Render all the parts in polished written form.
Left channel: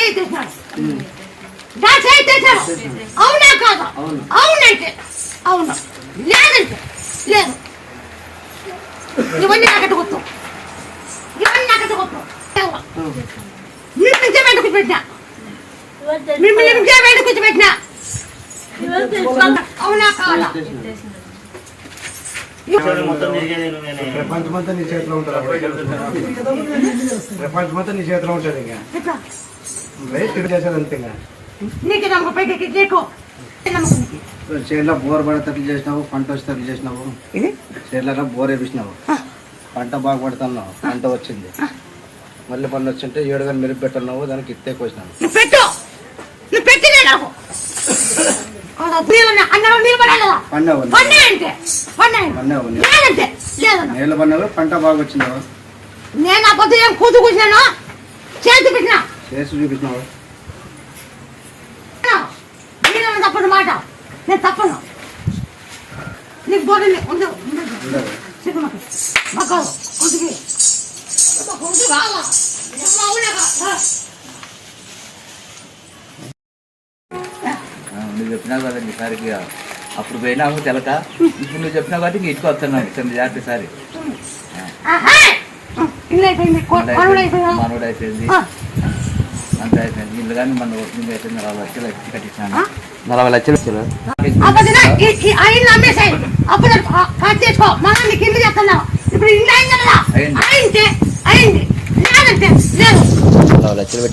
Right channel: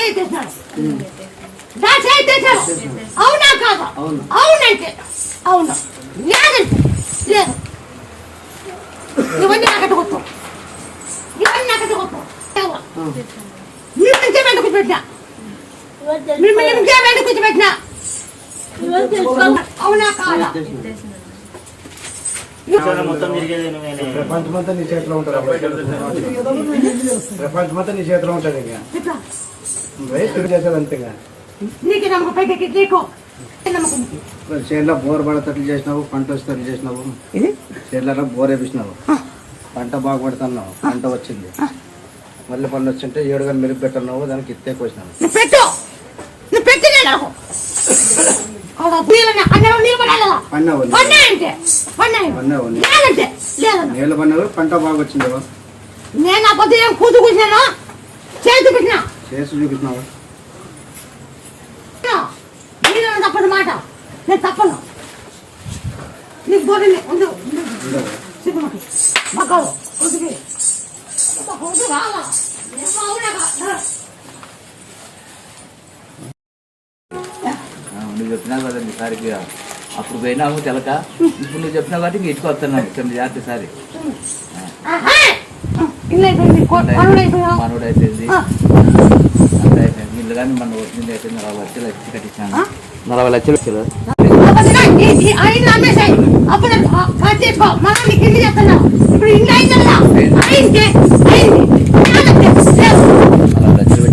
చేస్తున్నాడు అవునా కాదు అవునంటే అవును లేదంటే లేదు ఇవన్నీ నాకట్టు గుర్తు మిమ్మల్ని వెంట కూర్చోబెట్టినా అవునా కాదా ప్రపంచమంతా నీ చేతిలో ఉంటుంది ప్రపంచమంతా నీ చేతిలో ఉంటుంది ఇంకా తిరిగి చేసేది అంతే చేనులో బోర్ పడతట్లు చేసినావు పంట వచ్చేటట్లు చేసినావు చేనులో బోర్ వేపించినావు పంట బాగా పడుతున్నావు పంట వచ్చింది మళ్ళీ పన్ను వచ్చింటే 7 గంటలు మెరుగు పెట్టన్నావు దానికి ఇత్తే కోసినావు నీళ్ళు పన్నావు పంట బాగా వచ్చింది నేను ఆ పొద్దు ఏం కూతు కూర్చున్నాను చేసి చూపించినావు తప్పదు మాట నేను తప్పను నీకు గోడని ఉండదు నువ్వు చెప్పినావు కదండి సారికి అప్పుడు పోయినావు తెలక ఇప్పుడు నువ్వు చెప్పినావు కాబట్టి ఇంక ఇంటికి వస్తున్నావు 9 జాగ్రత్త సారి మనోడు అయిపోయింది అంత అయిపోయింది ఇల్లు కానీ మన ఓపెనింగ్ అయిపోయింది 40 లక్షలు ఎక్కి కట్టించాను 40 లక్షలు పెట్టి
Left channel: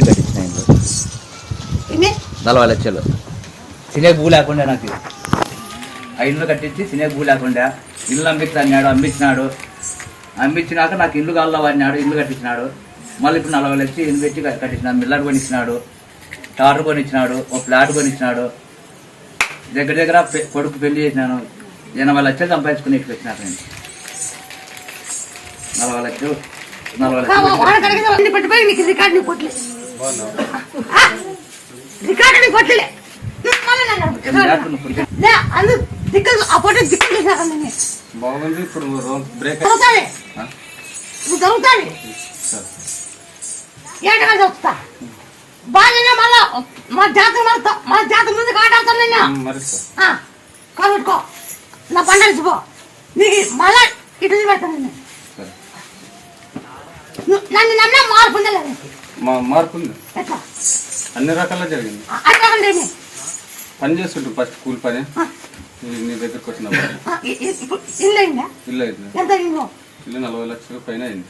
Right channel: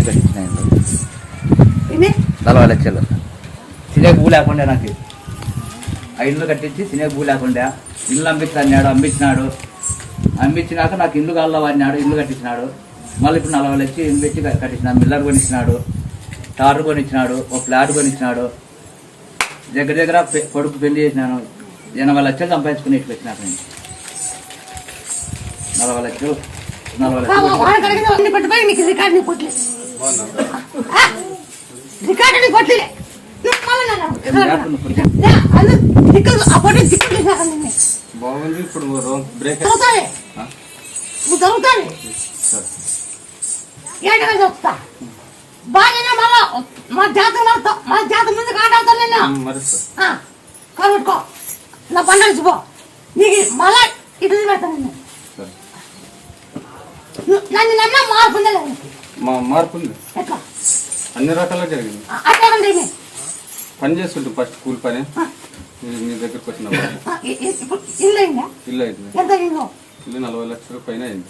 కట్టించినాయండి 40 లక్షలు తినే భూ లేకుండా నాకు ఆ ఇల్లు కట్టించి తినే భూ లేకుండా ఇల్లు అమ్మించినాడు అమ్మించినాక నాకు ఇల్లు కావాలన్నాడు ఇల్లు కట్టించినాడు మళ్ళీ ఇప్పుడు 40 లక్షలు ఇల్లు పెట్టి కట్టించినాడు మిల్లర్ కొనిచ్చినాడు టార్ కొనిచ్చినాడు ఒక ఫ్లాట్ కొనిచ్చినాడు దగ్గర కొడుకు పెళ్లి చేసినాను 80 లక్షలు సంపాదించుకుని ఇటు వచ్చినాను నేను 40 లక్షలు బాగుంది ఇప్పుడు బ్రేక్ జరుగుతుంది ఏటగా చెప్తా బాగా మళ్ళా మా జాతర ముందు కాటాడుతాను నేను కాబట్టుకో నా పండగ పో నీకు మళ్ళా ఇటు పెడతాను నేను నన్ను నమ్మినా మార్పు మార్పు ఎట్లా అన్ని రకాల జరిగింది అట్లాగండి పని చేస్తుంటే ఫస్ట్ కూలి పని నీ దగ్గరకు వచ్చిన ఇల్లు అయిందా ఇల్లు అయింది ఎంత ఇల్లు 40 లక్షల పైన అయింది